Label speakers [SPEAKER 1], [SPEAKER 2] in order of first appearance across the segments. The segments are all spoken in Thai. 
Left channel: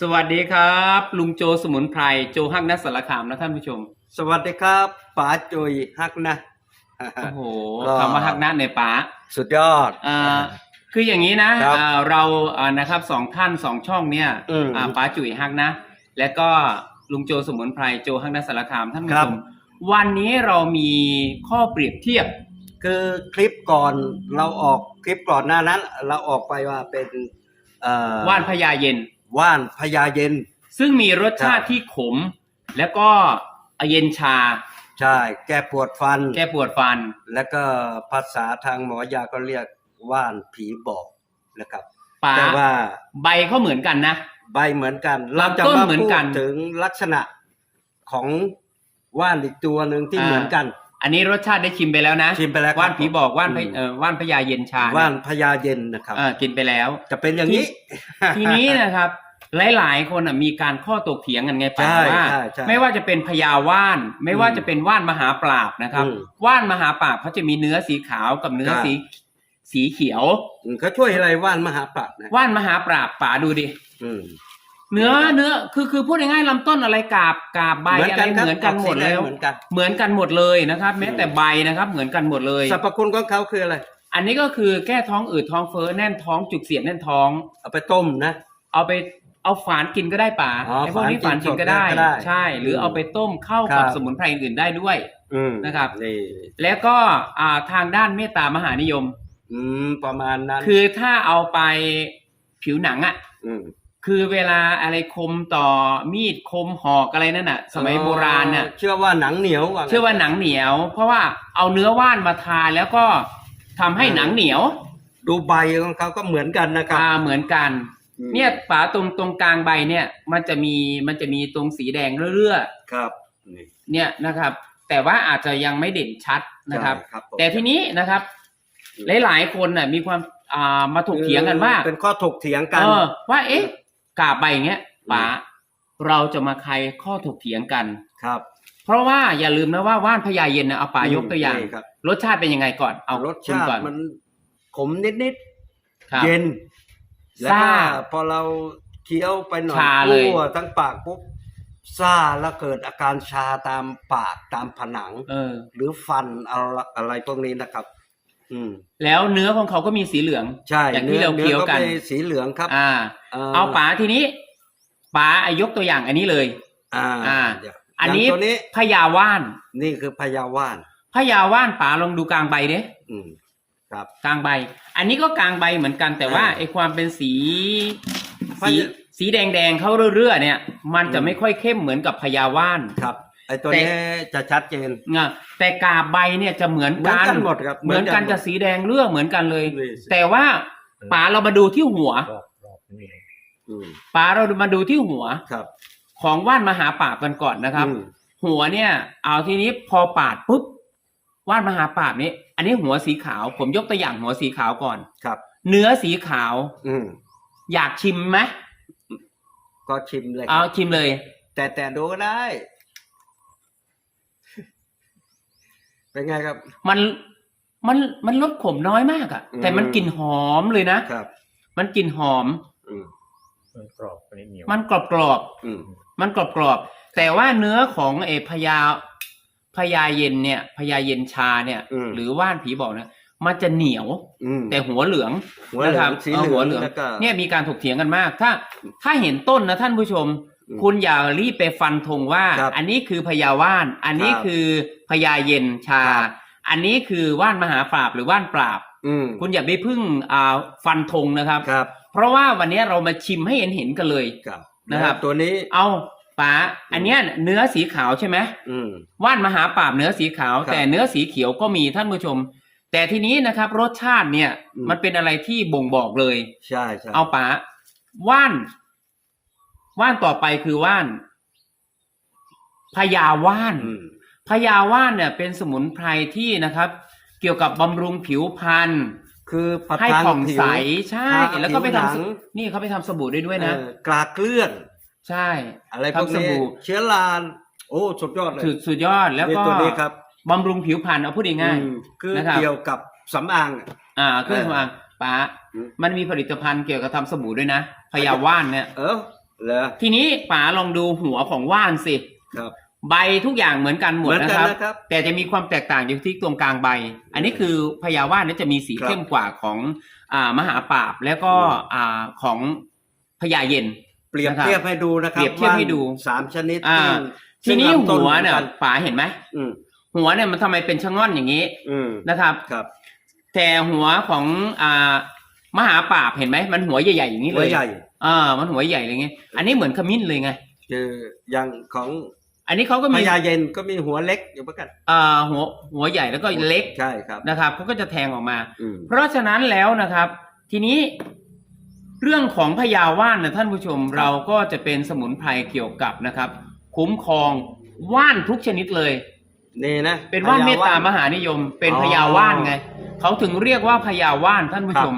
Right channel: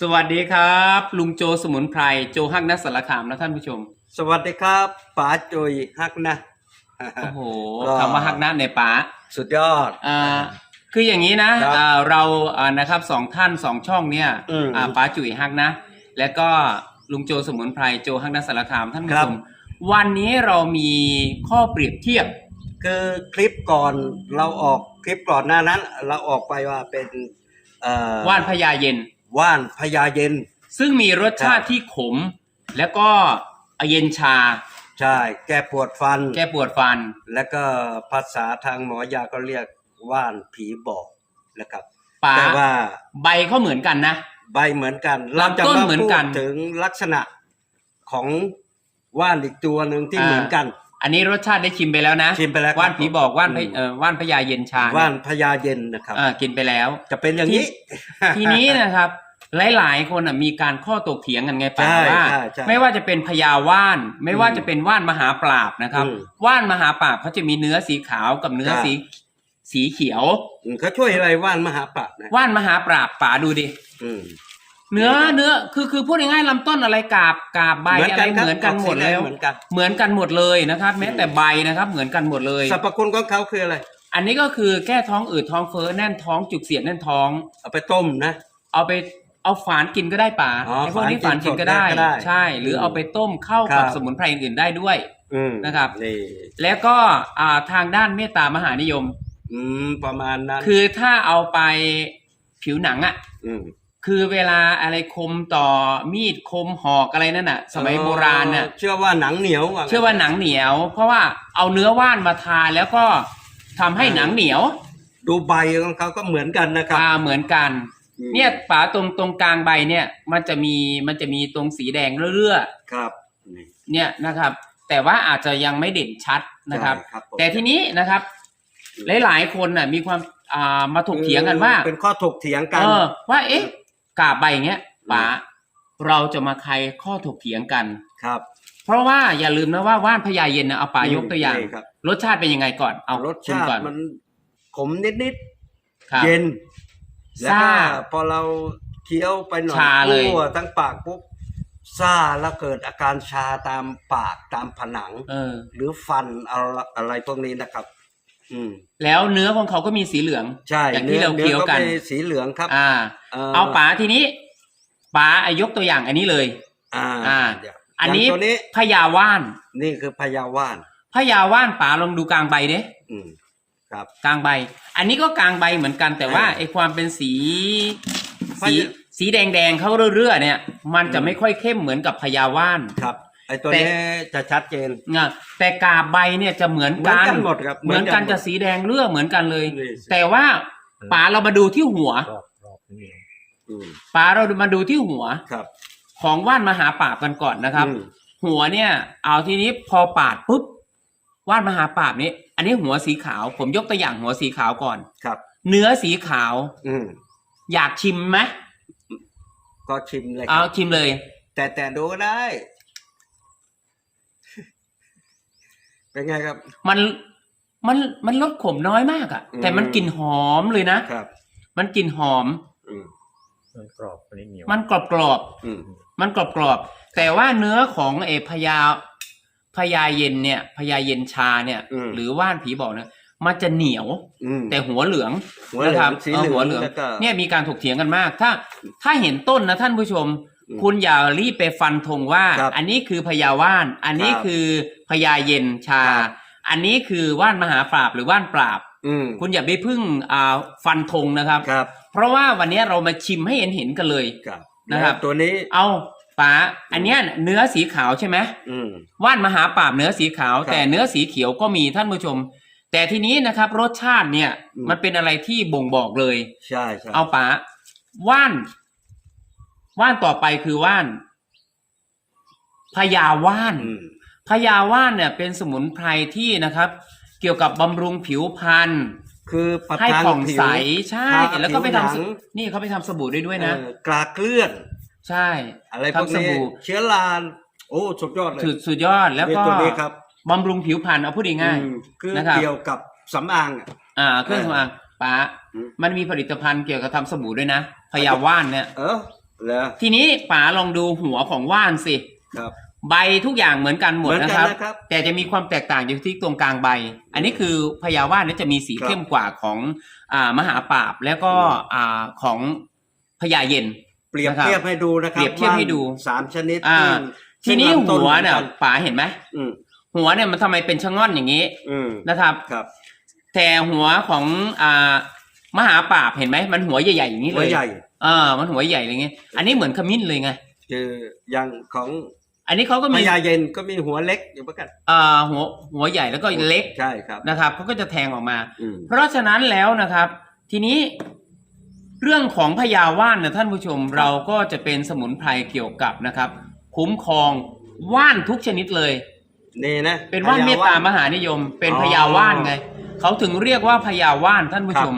[SPEAKER 1] สวัสดีครับ ลุงโจสมุนไพรโจฮักนัสสารคามนะท่านผู้ชม
[SPEAKER 2] สวัสดีครับป๋าจุยฮักนะ
[SPEAKER 1] โอ้โห
[SPEAKER 2] ก็
[SPEAKER 1] คำว่าฮักนัสในป๋า
[SPEAKER 2] สุดยอด
[SPEAKER 1] อ่าคืออย่างนี้นะครับอ่าเราอ่านะครับสองท่านสองช่องเนี่ย
[SPEAKER 2] อืม
[SPEAKER 1] อ่าป๋าจุ๋ยฮักนะ และก็ลุงโจสมุนไพรโจฮักนัสสารคามท่านผู้
[SPEAKER 2] ครั
[SPEAKER 1] ช
[SPEAKER 2] บ
[SPEAKER 1] มวันนี้เรามีข้อเปรียบเทียบ
[SPEAKER 2] คือคลิปก่อนเราออกคลิปก่อนหน้านั้น เราออกไปว่าเป็นเอ่อ
[SPEAKER 1] ว่านพญาเย็น
[SPEAKER 2] ว่านพญาเย็น
[SPEAKER 1] ซึ่งมีรสชาติที่ขม แล้วก็เย็นชา
[SPEAKER 2] ใช่ แก้ปวดฟัน
[SPEAKER 1] แก้ปวดฟัน
[SPEAKER 2] แล้วก็ภาษาทางหมอยาก็เรียกว่านผีบอกนะครับ
[SPEAKER 1] ป๋า
[SPEAKER 2] แต่ว่า
[SPEAKER 1] ใบเขาเหมือนกันนะ
[SPEAKER 2] ใบเหมือนกัน เราจะ
[SPEAKER 1] ลำต้น
[SPEAKER 2] มา
[SPEAKER 1] เหมือน
[SPEAKER 2] พูด
[SPEAKER 1] กัน
[SPEAKER 2] ถึงลักษณะของว่านอีกตัวหนึ่งที่
[SPEAKER 1] อ่า
[SPEAKER 2] เหมือนกัน
[SPEAKER 1] อันนี้รสชาติได้ชิมไปแล้วนะ
[SPEAKER 2] ชิมไปแล้วครับ
[SPEAKER 1] ว่านผีบอกว่านพ
[SPEAKER 2] อืม
[SPEAKER 1] เอ่อว่านพญาเย็นชา
[SPEAKER 2] ว่านพญาเย็นนะครับ
[SPEAKER 1] เออกินไปแล้ว
[SPEAKER 2] จะเป็นอย่างนี้
[SPEAKER 1] ทีนี้นะครับ หลาย ๆ คนอะมีการข้อตกเถียงกันไงป่า
[SPEAKER 2] ใช่
[SPEAKER 1] ว่า
[SPEAKER 2] ใช่ใช่
[SPEAKER 1] ไม่ว่าจะเป็นพญาว่าน ไม่ว่า
[SPEAKER 2] อืม
[SPEAKER 1] จะเป็นว่านมหาปราบนะครับ
[SPEAKER 2] อืม
[SPEAKER 1] ว่านมหาปราบเขาจะมีเนื้อสีขาวกับเนื้อ
[SPEAKER 2] ครับ
[SPEAKER 1] สีสีเขียว
[SPEAKER 2] อืมเขาช่วยอะไรว่านมหาปราบนะ
[SPEAKER 1] ว่านมหาปราบป่าดูดิ
[SPEAKER 2] อืม
[SPEAKER 1] เนื้อเนื้อคือคือพูดง่ายๆลำต้นอะไรกาบกาบใบ
[SPEAKER 2] เหมือน
[SPEAKER 1] อะ
[SPEAKER 2] กั
[SPEAKER 1] ไร
[SPEAKER 2] นครับ
[SPEAKER 1] เหมือนกันหมด
[SPEAKER 2] ออกสีแด
[SPEAKER 1] แล้
[SPEAKER 2] ง
[SPEAKER 1] ว
[SPEAKER 2] เหมือนกัน
[SPEAKER 1] เหมือนกันหมดเลยนะครับ แม้แต่ใบนะครับ เหมือนกันหมดเลย
[SPEAKER 2] สรรพคุณของเขาคืออะไร
[SPEAKER 1] อันนี้ก็คือแก้ท้องอืดท้องเฟ้อแน่นท้องจุกเสียดแน่นท้อง
[SPEAKER 2] เอาไปต้มนะ
[SPEAKER 1] เอาไปเอาฝานกินก็ได้ป่า
[SPEAKER 2] อ๋อ
[SPEAKER 1] ไอ้พวกนี้ฝา
[SPEAKER 2] ฝานนกิ
[SPEAKER 1] กิน
[SPEAKER 2] น
[SPEAKER 1] ก็ได้
[SPEAKER 2] สดก็ได้
[SPEAKER 1] ใช่ หรืออ
[SPEAKER 2] ม
[SPEAKER 1] เอาไปต้มเข้า
[SPEAKER 2] ครั
[SPEAKER 1] กับบสมุนไพรอื่นๆได้ด้วย
[SPEAKER 2] อืม
[SPEAKER 1] นะครับ
[SPEAKER 2] นี่
[SPEAKER 1] แล้วก็อ่าทางด้านเมตตามหานิยม
[SPEAKER 2] อืมประมาณนั้น
[SPEAKER 1] คือถ้าเอาไปผิวหนังอะ
[SPEAKER 2] อืม
[SPEAKER 1] คือเวลาอะไรคมต่อมีดคมหอกอะไรนั่นน่ะ สมัยโบราณน่ะ
[SPEAKER 2] เชื่อว่าหนังเหนียวงั้น
[SPEAKER 1] เชื่อว่าหนังเหนียว เพราะว่าเอาเนื้อว่านมาทาแล้วก็ทำให้หนังเหนียว
[SPEAKER 2] ดูใบของเขาก็เหมือนกันนะครับ
[SPEAKER 1] อ่าเหมือนกัน
[SPEAKER 2] อืม
[SPEAKER 1] เนี่ยฝาตรงตรงกลางใบเนี่ย มันจะมีมันจะมีตรงสีแดงเรื่อ
[SPEAKER 2] ครับนี่
[SPEAKER 1] ๆเนี่ยนะครับ แต่ว่าอาจจะยังไม่เด่นชัดนะครับ
[SPEAKER 2] ใช่ครับผม
[SPEAKER 1] แต่ทีนี้นะครับ หลายๆคนน่ะมีความอ่ามาถกเถียงกันว่า
[SPEAKER 2] เป็นข้อถกเถียงกัน
[SPEAKER 1] เออว่าเอ๊ะ กาบใบอย่างเงี้ยป๋าเราจะมาใครข้อถกเถียงกัน
[SPEAKER 2] ครับ
[SPEAKER 1] เพราะว่าอย่าลืมนะว่าว่านพญาเย็นนะเอาป๋ายกตัวอย่าง
[SPEAKER 2] นี่ครับ
[SPEAKER 1] รสชาติเป็นยังไงก่อน เอา
[SPEAKER 2] รส
[SPEAKER 1] คุณ
[SPEAKER 2] ชาติ
[SPEAKER 1] ก่อน
[SPEAKER 2] มันขมนิด
[SPEAKER 1] ครับ
[SPEAKER 2] ๆเย็นแล้ว
[SPEAKER 1] ซ่า
[SPEAKER 2] ก็พอเราเคี้ยวไปหน่อย
[SPEAKER 1] ชาเลย
[SPEAKER 2] ทั่วทั้งปากปุ๊บซ่าแล้วเกิดอาการชาตามปากตามผนัง
[SPEAKER 1] เออ
[SPEAKER 2] หรือฟันอะไรอะไรพวกนี้นะครับอืม
[SPEAKER 1] แล้วเนื้อของเขาก็มีสีเหลือง
[SPEAKER 2] ใช่
[SPEAKER 1] อย่างที่เรา
[SPEAKER 2] นื้
[SPEAKER 1] เคี้ยวกัน
[SPEAKER 2] นื้อป็สีเหลืองครับ
[SPEAKER 1] อ่า เอาป๋าทีนี้ป๋าอะยกตัวอย่างอันนี้เลย
[SPEAKER 2] อ่า
[SPEAKER 1] อ่า
[SPEAKER 2] เดี๋ยว
[SPEAKER 1] อันนี้
[SPEAKER 2] ย่างตัวนี้
[SPEAKER 1] พญาว่าน
[SPEAKER 2] นี่คือพญาว่าน
[SPEAKER 1] พญาว่านป๋าลองดูกลางใบเด้
[SPEAKER 2] อืมครับ
[SPEAKER 1] กลางใบ อันนี้ก็กลางใบเหมือนกันแต่ว่า
[SPEAKER 2] อ่า
[SPEAKER 1] ไอความเป็นสี
[SPEAKER 2] พ
[SPEAKER 1] สี
[SPEAKER 2] ญา
[SPEAKER 1] สีแดงๆเขาเรื่อๆเนี่ย มันจะ
[SPEAKER 2] อืม
[SPEAKER 1] ไม่ค่อยเข้มเหมือนกับพญาว่าน
[SPEAKER 2] ครับ ไอตัว
[SPEAKER 1] แต่
[SPEAKER 2] นี้จะชัดเจน
[SPEAKER 1] นะแต่กาบใบเนี่ยจะเหมือน
[SPEAKER 2] เหมือน
[SPEAKER 1] กัน
[SPEAKER 2] กันหมดครับ
[SPEAKER 1] เหมือนกัน
[SPEAKER 2] หมด
[SPEAKER 1] จะสีแดงเลือเหมือนกันเลย
[SPEAKER 2] นี่
[SPEAKER 1] แต่ว่าป๋าเรามาดูที่หัว
[SPEAKER 3] รอบรอบนี้
[SPEAKER 2] อืม
[SPEAKER 1] ป๋าเรามาดูที่หัว
[SPEAKER 2] ครับ
[SPEAKER 1] ของว่านมหาปราบกันก่อนนะครับ
[SPEAKER 2] อืม
[SPEAKER 1] หัวเนี่ย เอาทีนี้พอปาดปุ๊บว่านมหาปราบนี้ อันนี้หัวสีขาว ผมยกตัวอย่างหัวสีขาวก่อน
[SPEAKER 2] ครับ
[SPEAKER 1] เนื้อสีขาว
[SPEAKER 2] อืม
[SPEAKER 1] อยากชิมไหม
[SPEAKER 2] ก็ชิมเลยค
[SPEAKER 1] เอา
[SPEAKER 2] รับ
[SPEAKER 1] ชิมเลย
[SPEAKER 2] แต่แต่ดูก็ได้ เป็นไงครับ
[SPEAKER 1] มันมันมันลดขมน้อยมากอะ
[SPEAKER 2] อืม
[SPEAKER 1] แต่มันกลิ่นหอมเลยนะ
[SPEAKER 2] ครับ
[SPEAKER 1] มันกลิ่นหอม
[SPEAKER 2] อืม
[SPEAKER 3] มันกรอบอันนี้เหนียว
[SPEAKER 1] มันกรอบกรอบ
[SPEAKER 2] อืม
[SPEAKER 1] ๆมันกรอบกรอบๆแต่ว่าเนื้อของเอพญาพญาเย็นเนี่ยพญาเย็นชาเนี่ย
[SPEAKER 2] อืม
[SPEAKER 1] หรือว่านผีบอกเนี่ยมันจะเหนียว
[SPEAKER 2] อืม
[SPEAKER 1] แต่หัวเหลือง
[SPEAKER 2] หัวเหลื
[SPEAKER 1] นะค
[SPEAKER 2] อ
[SPEAKER 1] รั
[SPEAKER 2] ง
[SPEAKER 1] บ
[SPEAKER 2] สี
[SPEAKER 1] เออ
[SPEAKER 2] เหลื
[SPEAKER 1] หั
[SPEAKER 2] อ
[SPEAKER 1] ว
[SPEAKER 2] ง
[SPEAKER 1] เหลือง
[SPEAKER 2] แล้วก็
[SPEAKER 1] เนี่ยมีการถกเถียงกันมาก ถ้า ถ้าเห็นต้นนะท่านผู้ชม
[SPEAKER 2] อืม
[SPEAKER 1] คุณอย่ารีบไปฟันธงว่า
[SPEAKER 2] ครับ
[SPEAKER 1] อันนี้คือพญาว่าน อันนี้
[SPEAKER 2] ครับ
[SPEAKER 1] คือพญาเย็นชา
[SPEAKER 2] ครับ
[SPEAKER 1] อันนี้คือว่านมหาปราบหรือว่านปราบ
[SPEAKER 2] อืม
[SPEAKER 1] คุณอย่าไปพึ่งอ่าฟันธงนะครับ
[SPEAKER 2] ครับ
[SPEAKER 1] เพราะว่าวันนี้เรามาชิมให้เห็นเห็นๆกันเลย
[SPEAKER 2] ครับ
[SPEAKER 1] นะครับ
[SPEAKER 2] แล้วตัวนี้
[SPEAKER 1] เอาป๋าอันเนี้ยเนื้อสีขาวใช่ไหม
[SPEAKER 2] อืม
[SPEAKER 1] ว่านมหาปราบเนื้อสีขาว
[SPEAKER 2] ครับ
[SPEAKER 1] แต่เนื้อสีเขียวก็มีท่านผู้ชม แต่ทีนี้นะครับ รสชาติเนี่ย
[SPEAKER 2] อืม
[SPEAKER 1] มันเป็นอะไรที่บ่งบอกเลย
[SPEAKER 2] ใช่ใช่
[SPEAKER 1] เอาป๋าว่าน ว่านต่อไปคือว่านพญาว่าน
[SPEAKER 2] อืม
[SPEAKER 1] พญาว่านเนี่ยเป็นสมุนไพรที่นะครับ เกี่ยวกับบำรุงผิวพรรณ
[SPEAKER 2] คือประ
[SPEAKER 1] ให้
[SPEAKER 2] ทาน
[SPEAKER 1] ผ่อง
[SPEAKER 2] ผิว
[SPEAKER 1] ใสใช่
[SPEAKER 2] ทา
[SPEAKER 1] แล้วก็ไปทำส
[SPEAKER 2] ผิวหนัง
[SPEAKER 1] นี่เขาไปทำสบู่ได้ด้วยนะ
[SPEAKER 2] เออกลาเกลื่อน
[SPEAKER 1] ใช่
[SPEAKER 2] อะไรพวก
[SPEAKER 1] ทำส
[SPEAKER 2] นี้
[SPEAKER 1] บู่
[SPEAKER 2] เชื้อรานโอ้สุดยอดเลย
[SPEAKER 1] สุดสุดยอดแล้ว
[SPEAKER 2] นี่
[SPEAKER 1] ก็
[SPEAKER 2] ตัวนี้ครับ
[SPEAKER 1] บำรุงผิวพรรณเอาพูดง่าย
[SPEAKER 2] อืมคือ
[SPEAKER 1] นะครับ
[SPEAKER 2] เกี่ยวกับสำอางอะ
[SPEAKER 1] ๆอ่าเครื่องสำอางป๋า
[SPEAKER 2] อืม
[SPEAKER 1] มันมีผลิตภัณฑ์เกี่ยวกับทำสบู่ด้วยนะพญาว่านเนี่ย
[SPEAKER 2] เออ แล้ว
[SPEAKER 1] ทีนี้ป๋าลองดูหัวของว่านสิ
[SPEAKER 2] ครับ
[SPEAKER 1] ใบทุกอย่างเหมือนกันหมด
[SPEAKER 2] เหมือน
[SPEAKER 1] นะ
[SPEAKER 2] กั
[SPEAKER 1] คนรับ
[SPEAKER 2] นะครับ
[SPEAKER 1] แต่จะมีความแตกต่างอยู่ที่ตรงกลางใบ อันนี้คือพญาว่านเนี่ยจะมีสี
[SPEAKER 2] ครับ
[SPEAKER 1] เข้มกว่าของอ่ามหาปราบแล้วก็
[SPEAKER 2] อืม
[SPEAKER 1] อ่าของพญาเย็น
[SPEAKER 2] เปรียบ
[SPEAKER 1] นะครับ
[SPEAKER 2] เทียบให้ดูนะครับ
[SPEAKER 1] เปรียบเทียบให้ดู
[SPEAKER 2] ว่านสามชนิด
[SPEAKER 1] อ่า
[SPEAKER 2] ซึ่ง
[SPEAKER 1] ทีนี้
[SPEAKER 2] ซึ่งลำต้
[SPEAKER 1] หัวเนี่ย
[SPEAKER 2] หมือกั
[SPEAKER 1] ป๋าเห็นไหม
[SPEAKER 2] อืม
[SPEAKER 1] หัวเนี่ยมันทำไมเป็นชะง่อนอย่างนี้
[SPEAKER 2] อืม
[SPEAKER 1] นะครับ
[SPEAKER 2] ครับ
[SPEAKER 1] แต่หัวของอ่ามหาปราบเห็นไหมมันหัวใหญ่ๆอย่างนี้
[SPEAKER 2] หั
[SPEAKER 1] เล
[SPEAKER 2] วย ใหญ่
[SPEAKER 1] อ่า มันหัวใหญ่อย่างเงี้ยอันนี้เหมือนขมิ้นเลยไง
[SPEAKER 2] คืออย่างของ
[SPEAKER 1] อันนี้เขาก็
[SPEAKER 2] พ
[SPEAKER 1] มี
[SPEAKER 2] ญาเย็นก็มีหัวเล็กอยู่เหมือนกัน
[SPEAKER 1] อ่าหัวหัวใหญ่แล้วก็เล็ก
[SPEAKER 2] ใช่ครับ
[SPEAKER 1] นะครับเขาก็จะแทงออกมา
[SPEAKER 2] อืม
[SPEAKER 1] เพราะฉะนั้นแล้วนะครับ ทีนี้เรื่องของพญาว่านนะท่านผู้ชมเราก็จะเป็นสมุนไพรเกี่ยวกับนะครับ คุ้มครองว่านทุกชนิดเลย
[SPEAKER 2] นี่นะ
[SPEAKER 1] เป็นว่าน
[SPEAKER 2] พญ
[SPEAKER 1] เมตตามหานิยม เป็น
[SPEAKER 2] อ๋อ
[SPEAKER 1] พญาว่านไงเขาถึงเรียกว่าพญาว่านท่านผู้
[SPEAKER 2] ครับ
[SPEAKER 1] ชม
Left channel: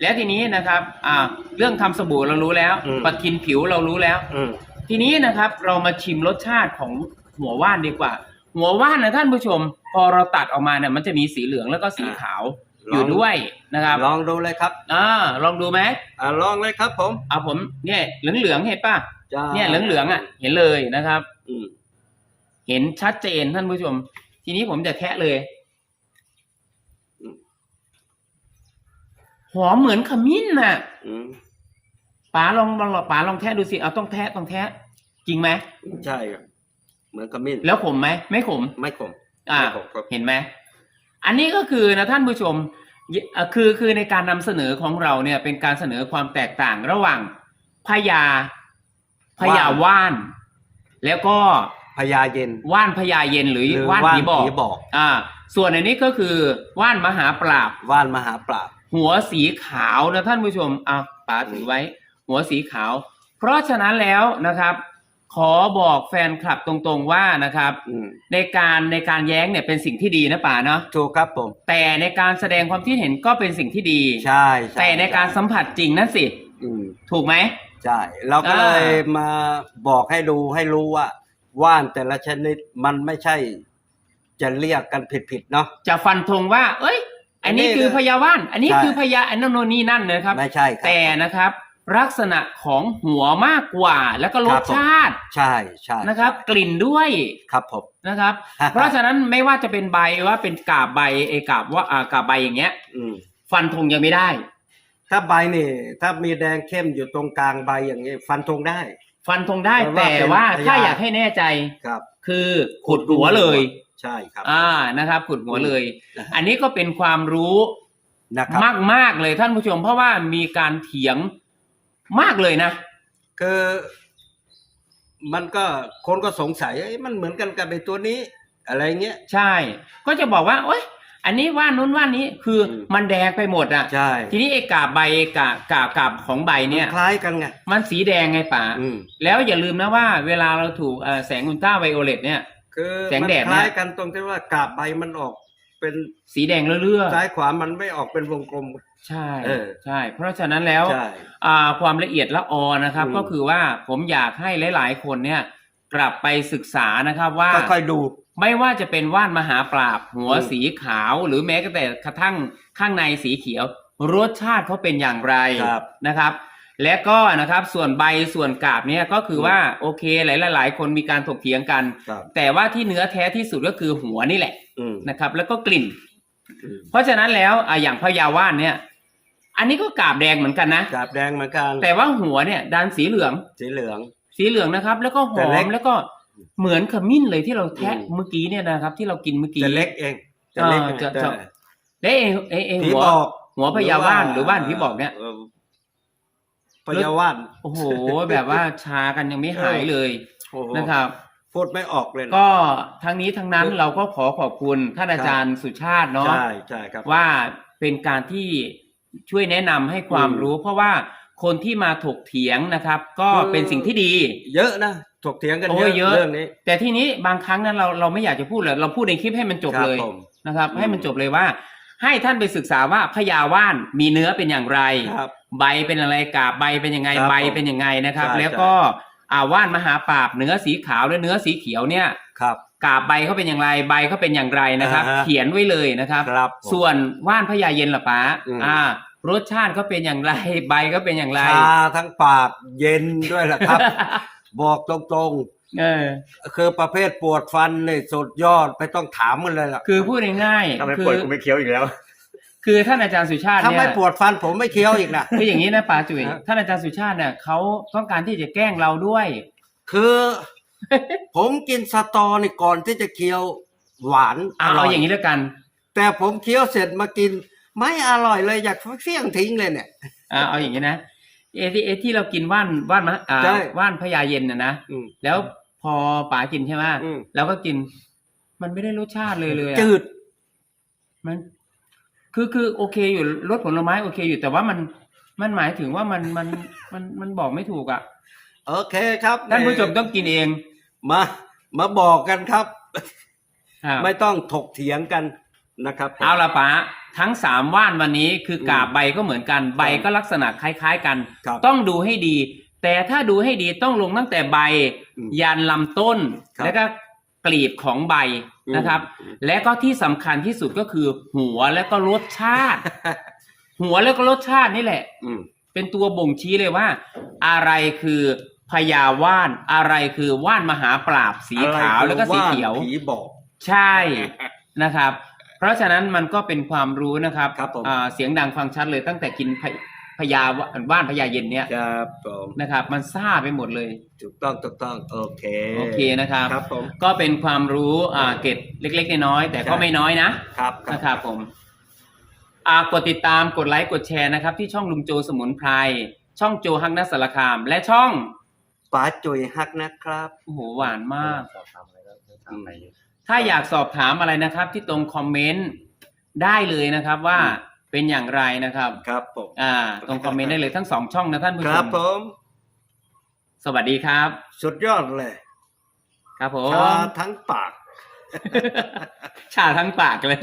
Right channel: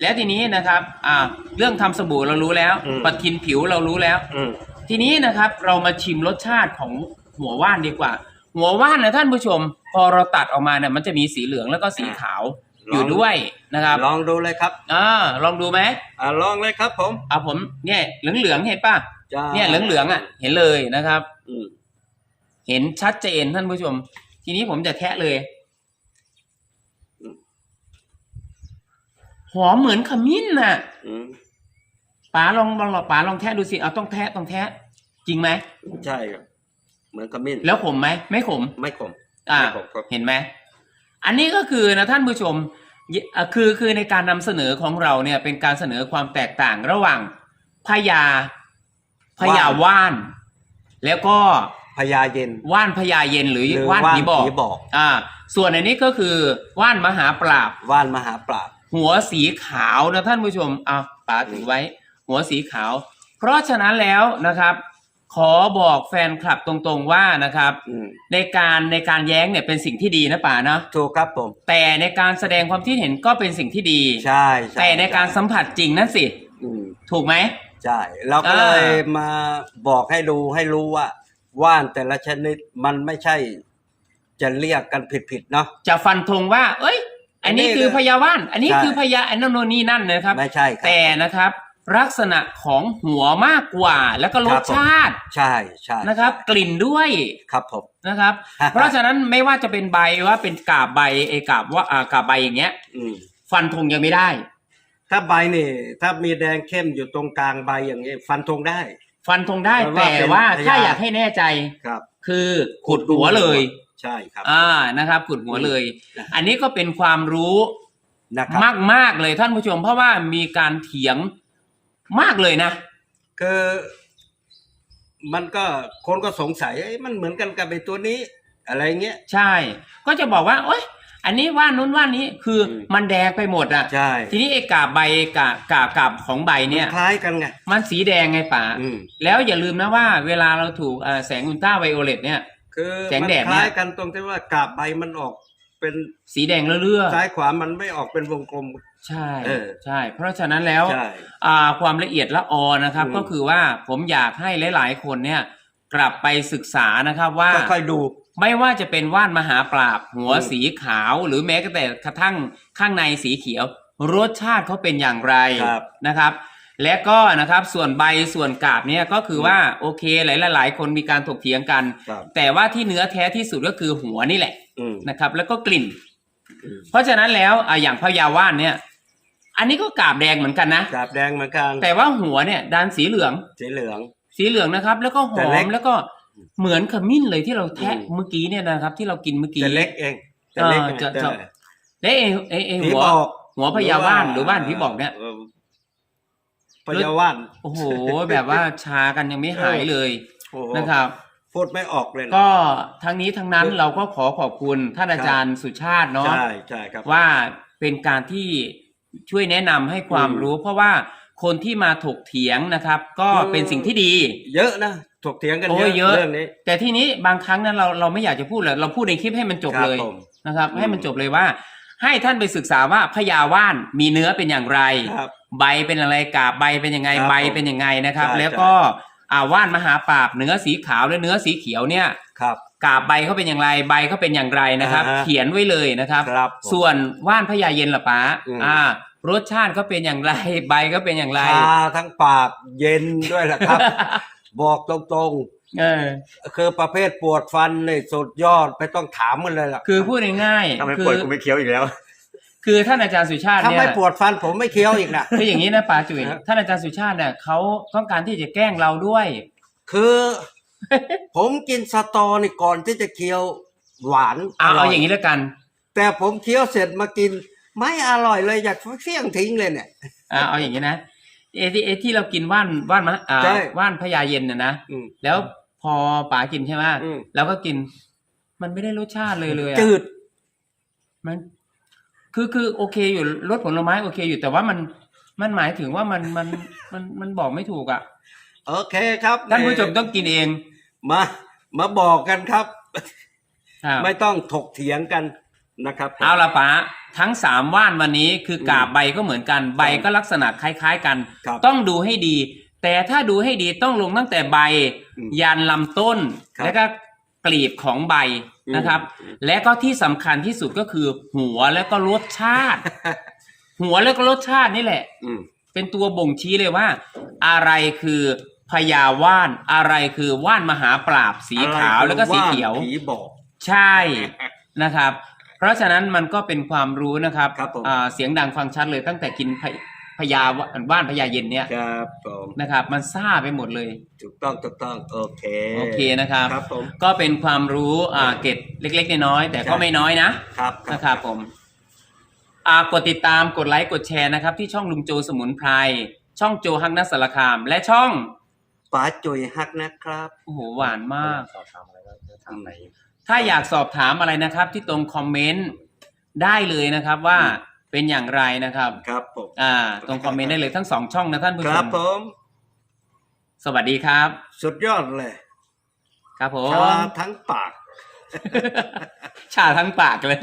[SPEAKER 1] และทีนี้นะครับอ่าเรื่องทำสบู่เรารู้แล้ว
[SPEAKER 2] อืม
[SPEAKER 1] ปะทินผิวเรารู้แล้ว
[SPEAKER 2] อืม
[SPEAKER 1] ทีนี้นะครับเรามาชิมรสชาติของหัวว่านดีกว่า หัวว่านนะท่านผู้ชม พอเราตัดออกมาเนี่ยมันจะมีสีเหลืองแล้วก็สีขาวอยู่ด้วยนะครับ
[SPEAKER 2] ลองดูเลยครับ
[SPEAKER 1] อ่าลองดูไหม
[SPEAKER 2] อ่าลองเลยครับผม
[SPEAKER 1] เอาผมเนี่ยเหลืองเหลืองๆเห็นป่ะ
[SPEAKER 2] จ้า
[SPEAKER 1] เนี่ยเหลืองเหลืองๆอะเห็นเลยนะครับ
[SPEAKER 2] อืม
[SPEAKER 1] เห็นชัดเจนท่านผู้ชม ทีนี้ผมจะแทะเลย อมเหมือนขมิ้นน่ะ
[SPEAKER 2] อืม
[SPEAKER 1] ป๋าลองลองป๋าลองแทะดูสิเอาต้องแทะต้องแทะ จริงไหม
[SPEAKER 2] ใช่ครับ เหมือนขมิ้น
[SPEAKER 1] แล้วขมไหมไม่ขม
[SPEAKER 2] ไม่ขม
[SPEAKER 1] อ่า
[SPEAKER 2] ไม่ขมครับ
[SPEAKER 1] เห็นไหม อันนี้ก็คือนะท่านผู้ชมยเอ่อคือคือในการนำเสนอของเราเนี่ยเป็นการเสนอความแตกต่างระหว่างพญาพญาว่าน แล้วก็
[SPEAKER 2] พญาเย็น
[SPEAKER 1] ว่านพญาเย็นหรือ
[SPEAKER 2] หรือ
[SPEAKER 1] ว่าน
[SPEAKER 2] ว่าน
[SPEAKER 1] ผีบอก
[SPEAKER 2] ผีบอก
[SPEAKER 1] อ่า ส่วนอันนี้ก็คือว่านมหาปราบ
[SPEAKER 2] ว่านมหาปราบ
[SPEAKER 1] หัวสีขาวนะท่านผู้ชมเอาป๋าถือไว้ หัวสีขาว เพราะฉะนั้นแล้วนะครับ ขอบอกแฟนคลับตรงๆว่านะครับ
[SPEAKER 2] อืม
[SPEAKER 1] ในการในการแย้งเนี่ยเป็นสิ่งที่ดีนะป๋าเนาะ
[SPEAKER 2] ถูกครับผม
[SPEAKER 1] แต่ในการแสดงความคิดเห็นก็เป็นสิ่งที่ดี
[SPEAKER 2] ใช่ช่
[SPEAKER 1] แต่ในการสัมผัสจริงนั่นสิ
[SPEAKER 2] อืม
[SPEAKER 1] ถูกไหม
[SPEAKER 2] ใช่ เราก็
[SPEAKER 1] อ่า
[SPEAKER 2] เลยมาบอกให้ดูให้รู้ว่า ว่านแต่ละชนิดมันไม่ใช่ จะเรียกกันผิดๆเนาะ
[SPEAKER 1] จะฟันธงว่า เอ้ย อันนี้
[SPEAKER 2] อันนี้
[SPEAKER 1] คือพญาว่าน อันนี้
[SPEAKER 2] ใช่
[SPEAKER 1] คือพญาอันนั้นโนนนี่นั่นนะครับ
[SPEAKER 2] ไม่ใช่ครับ
[SPEAKER 1] แต่นะครับ ลักษณะของหัวมากกว่า แล้วก็ร
[SPEAKER 2] ครั
[SPEAKER 1] ส
[SPEAKER 2] บผม
[SPEAKER 1] ชาติ
[SPEAKER 2] ใช่ใช่
[SPEAKER 1] นะครับ กลิ่นด้วย
[SPEAKER 2] ครับผม
[SPEAKER 1] นะครับ เพราะฉะนั้นไม่ว่าจะเป็นใบว่าเป็นกาบใบเอกาบว่าอ่ากาบใบอย่างเงี้ย
[SPEAKER 2] อืม
[SPEAKER 1] ฟันธงยังไม่ได้
[SPEAKER 2] ถ้าใบนี่ ถ้ามีแดงเข้มอยู่ตรงกลางใบอย่างนี้ ฟันธงได้
[SPEAKER 1] ฟันธงได้
[SPEAKER 2] แปลว่า
[SPEAKER 1] แต่
[SPEAKER 2] เป็น
[SPEAKER 1] ว่า
[SPEAKER 2] พญา
[SPEAKER 1] ถ้าอยากให้แน่ใจ
[SPEAKER 2] ครับ
[SPEAKER 1] คือขุดหัวเลย
[SPEAKER 2] ใช่ครับ
[SPEAKER 1] อ่านะครับขุดหัวเลย
[SPEAKER 2] นะฮะ
[SPEAKER 1] อันนี้ก็เป็นความรู้
[SPEAKER 2] นะครับ
[SPEAKER 1] มากมากๆเลยท่านผู้ชม เพราะว่ามีการเถียงมากเลยนะ
[SPEAKER 2] คือมันก็คนก็สงสัยเอ้ยมันเหมือนกันกับไอ้ตัวนี้ อะไรเงี้ย
[SPEAKER 1] ใช่ ก็จะบอกว่าโอ๊ยอันนี้ว่านนู้นว่านนี้คืออ
[SPEAKER 2] ม
[SPEAKER 1] มันแดงไปหมดอะ
[SPEAKER 2] ใช่
[SPEAKER 1] ทีนี้ไอ้กาบใบกาบกาบกาบของใบเนี่ย
[SPEAKER 2] มัคล้ายกันไง
[SPEAKER 1] มันสีแดงไงป่า
[SPEAKER 2] อืม
[SPEAKER 1] แล้วอย่าลืมนะว่า เวลาเราถูกเอ่อแสงอุลตราไวโอเลตเนี่ย
[SPEAKER 2] คือ
[SPEAKER 1] แสง
[SPEAKER 2] มัน
[SPEAKER 1] แดด
[SPEAKER 2] ค
[SPEAKER 1] เนี่ย
[SPEAKER 2] ล้ายกันตรงที่ว่ากาบใบมันออกเป็น
[SPEAKER 1] สีแดงเลื่อ
[SPEAKER 2] ซ้ายขวามันไม่ออกเป็นวงกลม
[SPEAKER 1] ๆใช่
[SPEAKER 2] เออ
[SPEAKER 1] ใช่ เพราะฉะนั้นแล้ว
[SPEAKER 2] ใช่
[SPEAKER 1] อ่าความละเอียดละออนะครับ
[SPEAKER 2] อืม
[SPEAKER 1] ก็คือว่าผมอยากให้หลายๆ คนเนี่ยกลับไปศึกษานะครับว่า
[SPEAKER 2] ก็ค่อยดู
[SPEAKER 1] ไม่ว่าจะเป็นว่านมหาปราบหัว
[SPEAKER 2] อืม
[SPEAKER 1] สีขาว หรือแม้แต่กระทั่งข้างในสีเขียว รสชาติเขาเป็นอย่างไร
[SPEAKER 2] ครับ
[SPEAKER 1] นะครับ และก็นะครับส่วนใบส่วนกาบเนี่ยก็คือว่าโอเคหลายๆคนมีการถกเถียงกัน
[SPEAKER 2] ครับ
[SPEAKER 1] แต่ว่าที่เนื้อแท้ที่สุดก็คือหัวนี่แหละ
[SPEAKER 2] อืม
[SPEAKER 1] นะครับ แล้วก็กลิ่น
[SPEAKER 2] อืม
[SPEAKER 1] เพราะฉะนั้นแล้วอะอย่างพญาว่านเนี่ย อันนี้ก็กาบแดงเหมือนกันนะ
[SPEAKER 2] กาบแดงเหมือนกัน
[SPEAKER 1] แต่ว่าหัวเนี่ยด้านสีเหลือง
[SPEAKER 2] สีเหลือง
[SPEAKER 1] สีเหลืองนะครับ แล้วก็ห
[SPEAKER 2] แต่
[SPEAKER 1] อ
[SPEAKER 2] เล็
[SPEAKER 1] ม
[SPEAKER 2] ก
[SPEAKER 1] แล้วก็เหมือนขมิ้นเลยที่เราแทะ
[SPEAKER 2] อืม
[SPEAKER 1] เมื่อกี้เนี่ยนะครับ ที่เรากินเมื่อกี้
[SPEAKER 2] จะเล็กเองจะเล็ก
[SPEAKER 1] เออจะ
[SPEAKER 2] แต่
[SPEAKER 1] จะ และเองเองเอง
[SPEAKER 2] ผี
[SPEAKER 1] หัว
[SPEAKER 2] บอก
[SPEAKER 1] หัวพญาว่านหรือว่านผีบอกเนี่ย
[SPEAKER 2] พญาว่าน
[SPEAKER 1] โอ้โห แบบว่าชากันยังไม่หายเลย
[SPEAKER 2] โอ้โห
[SPEAKER 1] นะครับ
[SPEAKER 2] พูดไม่ออกเลยนะ
[SPEAKER 1] ก็ทั้งนี้ทั้งนั้นเราก็ขอขอบคุณท่านอาจารย์สุชาติเนาะ
[SPEAKER 2] ใช่ใช่ครับ
[SPEAKER 1] ว่าเป็นการที่ช่วยแนะนำให้ความ
[SPEAKER 2] อืม
[SPEAKER 1] รู้ เพราะว่าคนที่มาถกเถียงนะครับ ก็
[SPEAKER 2] คือ
[SPEAKER 1] เป็นสิ่งที่ดี
[SPEAKER 2] เยอะนะถกเถียงกัน
[SPEAKER 1] โอ้
[SPEAKER 2] เย
[SPEAKER 1] ย
[SPEAKER 2] อะ
[SPEAKER 1] เยอะ
[SPEAKER 2] เรื่องนี้
[SPEAKER 1] แต่ทีนี้บางครั้งนั้นเราเราไม่อยากจะพูดเลยเราพูดในคลิปให้มันจบ
[SPEAKER 2] ครับ
[SPEAKER 1] เลย
[SPEAKER 2] ผม
[SPEAKER 1] นะครับ
[SPEAKER 2] อืม
[SPEAKER 1] ให้มันจบเลยว่า ให้ท่านไปศึกษาว่าพญาว่านมีเนื้อเป็นอย่างไร
[SPEAKER 2] ครับ
[SPEAKER 1] ใบเป็นอะไรกาบใบเป็นยังไง
[SPEAKER 2] ครับ
[SPEAKER 1] ใบเป็นยังไงนะครับ
[SPEAKER 2] ใช่
[SPEAKER 1] แล้วก็อ่าว่านมหาปราบเนื้อสีขาวและเนื้อสีเขียวเนี่ย
[SPEAKER 2] ครับ
[SPEAKER 1] กาบใบเขาเป็นอย่างไรใบเขาเป็นอย่างไรนะครับ
[SPEAKER 2] อ่าฮะ
[SPEAKER 1] เขียนไว้เลยนะครับ
[SPEAKER 2] ครับผม
[SPEAKER 1] ส่วนว่านพญาเย็นล่ะป้า
[SPEAKER 2] อืม
[SPEAKER 1] อ่ารสชาติก็เป็นอย่างไรใบก็เป็นอย่างไร
[SPEAKER 2] ชาทั้งปากเย็นด้วยแหละครับ บอกตรง
[SPEAKER 1] เออ
[SPEAKER 2] ๆคือประเภทปวดฟันนี่สุดยอดไม่ต้องถามมันเลยล่ะ
[SPEAKER 1] คือพูดง่าย
[SPEAKER 3] ทำไม
[SPEAKER 1] ๆคื
[SPEAKER 3] ปวด
[SPEAKER 1] อ
[SPEAKER 3] กูไม่เคี้ยวอีกแล้ว
[SPEAKER 1] คือท่านอาจารย์สุชาติ
[SPEAKER 2] ถ้า
[SPEAKER 1] เนี่
[SPEAKER 2] ไม่
[SPEAKER 1] ย
[SPEAKER 2] ปวดฟันผมไม่เคี้ยวอีกนะ
[SPEAKER 1] คืออย่างนี้นะป๋าจุ๋ย
[SPEAKER 2] ฮะ
[SPEAKER 1] ท่านอาจารย์สุชาติเนี่ยเขาต้องการที่จะแกล้งเราด้วย
[SPEAKER 2] คือ ผมกินสตอนี่ก่อนที่จะเคี้ยวหวาน
[SPEAKER 1] เอา
[SPEAKER 2] ร่
[SPEAKER 1] เอาอย่างนี้แล้วกัน
[SPEAKER 2] แต่ผมเคี้ยวเสร็จมากิน ไม่อร่อยเลยอยากเสี่ยงทิ้งเลยเนี่ย
[SPEAKER 1] อ่าเอาอย่างนี้นะเอที่เอที่เรากินว่านว่านมะอ่า
[SPEAKER 2] ใช่
[SPEAKER 1] ว่านพญาเย็นนะนะ
[SPEAKER 2] อืม
[SPEAKER 1] แล้วพอป๋ากินใช่ไหม
[SPEAKER 2] อืม
[SPEAKER 1] แล้วก็กิน มันไม่ได้รสชาติเลยเลยอะ
[SPEAKER 2] จืด
[SPEAKER 1] มัน คือคือโอเคอยู่รสผลไม้โอเคอยู่แต่ว่ามันมันหมายถึงว่ามันมันมันมันบอกไม่ถูกอะ
[SPEAKER 2] โอเคครับ
[SPEAKER 1] ท่านผู้ชมต้องกินเอง
[SPEAKER 2] มามาบอกกันครับ
[SPEAKER 1] ครับ
[SPEAKER 2] ไม่ต้องถกเถียงกันนะครับผม
[SPEAKER 1] เอาละป๋าทั้งสามว่านวันนี้คือกาบ
[SPEAKER 2] อืม
[SPEAKER 1] ใบก็เหมือนกันใบก็ลักษณะคล้าย ๆ กัน
[SPEAKER 2] ครับ
[SPEAKER 1] ต้องดูให้ดี แต่ถ้าดูให้ดีต้องลงตั้งแต่ใบ
[SPEAKER 2] อืม
[SPEAKER 1] ยันลำต้น
[SPEAKER 2] ครับ
[SPEAKER 1] แล้วก็ กลีบของใบนะครับ
[SPEAKER 2] อืม
[SPEAKER 1] และก็ที่สำคัญที่สุดก็คือ หัวและก็รสชาติ หัวแล้วก็รสชาตินี่แหละ
[SPEAKER 2] อืม
[SPEAKER 1] เป็นตัวบ่งชี้เลยว่า อะไรคือพญาว่าน อะไรคือว่านมหาปราบสีขาว
[SPEAKER 2] อะไร
[SPEAKER 1] แล้วก็สี
[SPEAKER 2] คือ
[SPEAKER 1] เขียวา
[SPEAKER 2] ผีบอก
[SPEAKER 1] ใช่นะครับ เพราะฉะนั้นมันก็เป็นความรู้นะครับ
[SPEAKER 2] ครับผม
[SPEAKER 1] อ่าเสียงดังฟังชัดเลยตั้งแต่กินพะ พญาว่านพญาเย็นเนี่ย
[SPEAKER 2] ครับผม
[SPEAKER 1] นะครับ มันซ่าไปหมดเลย
[SPEAKER 2] ถูกต้องถูกต้องโอเค
[SPEAKER 1] โอเคนะครับ
[SPEAKER 2] ครับผม
[SPEAKER 1] ก็เป็นความรู้อ่าเกร็ดเล็กๆน้อยๆแต่ก็
[SPEAKER 2] ใช่
[SPEAKER 1] ไม่น้อยนะครับนะครับผมอ่ากดติดตามกดไลค์กดแชร์นะครับ ที่ช่องลุงโจสมุนไพรช่องโจฮักนัสสารคาม และช่อง
[SPEAKER 2] ป๋าจุยฮักนะครับ
[SPEAKER 1] โอ้โหหวานมาก
[SPEAKER 3] สอบถามอะไรก็จะถามไป
[SPEAKER 1] ถ้าอยากสอบถามอะไรนะครับ ที่ตรงคอมเมนต์ได้เลยนะครับว่า เป็นอย่างไรนะครับ
[SPEAKER 2] ครับผม
[SPEAKER 1] อ่าตรงคอมเมนต์ได้เลยทั้งสองช่องนะท่านผู้
[SPEAKER 2] ค
[SPEAKER 1] ช
[SPEAKER 2] รับ
[SPEAKER 1] ม
[SPEAKER 2] ผม
[SPEAKER 1] สวัสดีครับ
[SPEAKER 2] สุดยอดเลย
[SPEAKER 1] ครับผ
[SPEAKER 2] ชามทั้งปาก
[SPEAKER 1] ชาทั้งปากเลย